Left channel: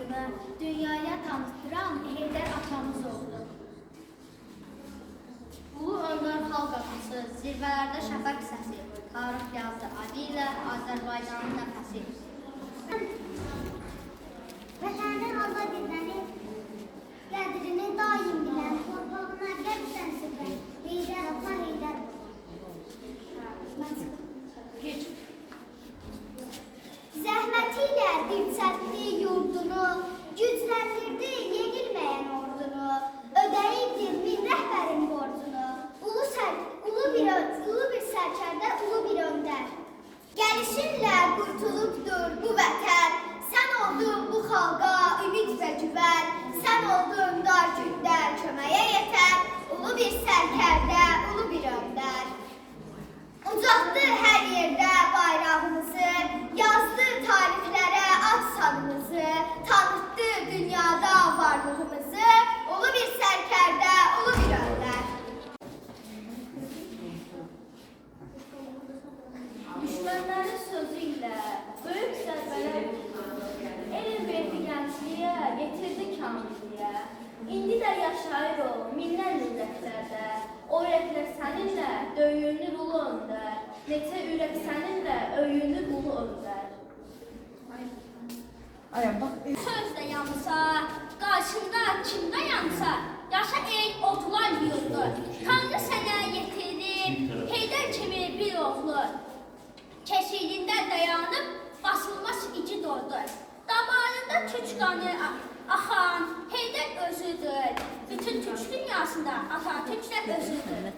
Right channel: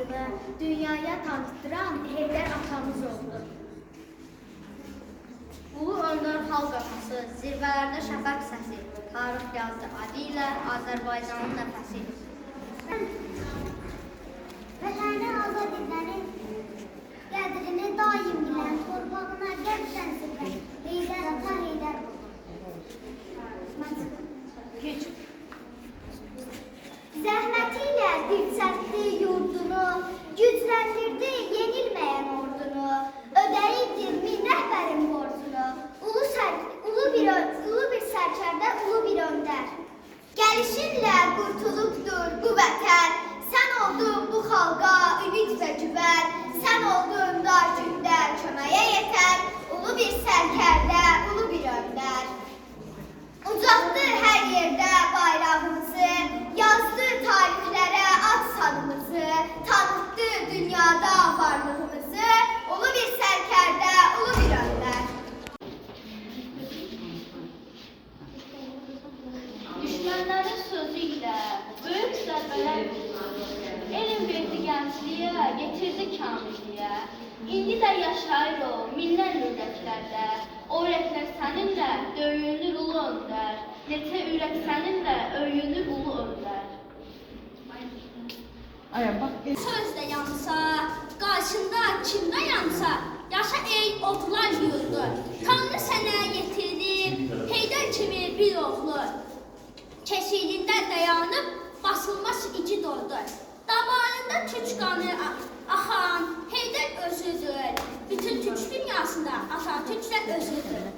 xalqını dünyaya tanıttıran Heydər atamız oldu. Ulu Öndər xalq atası, zirvələrdə şəfəq səsi, tarix yazdı adı ilə Azərbaycanın nəfəsi. Vətəni azad edənin qədrini daim bilən, torpağına qəbsən sifən, Heydər ata, Heydər baba. Zəhməti ilə dirçəltdi yurdunu, gücləndirdi yenilməyən ordunu, ödəyibdir min rəhbərin borcunu, ulu bir sərkərdə, ulu bir öndər. Gəlişinlə qurtulubdur bu vətən, sən oldun bu xalqa ümid və güvən, sən oldun dar gündə köməyə yetər, ulu bir sərkərdə, ulu bir öndər. Ucaltdı hər yerdə bayrağımızı, yazdı tarixlərə ad sanımızı, tanıtdı dünyada varlığımızı, ulu bir sərkərdə, ulu bir öndər. Düşmənlərin sözü ilə böyük zərbələr vurdu. Elm verdi gəncliyə, getirdi kamilliyə. İndi də yaşayır o minlərlə ürəklərdə. O ürəklər səninlə döyünür ulu öndər. Neçə ürək səninlə öyünür ulu öndər. Sözdə yansa, qarşında kimdə yansa, yaşa ey oğlar yurdu. Tanrı sənə yetirir, Heydər kimi bir oğlu. Keşiyində dayanıb, basılmaz iki doldur. Damarında türk qanı axan Heydər özüdür. Bütün türk dünyasında Atatürklər özüdür.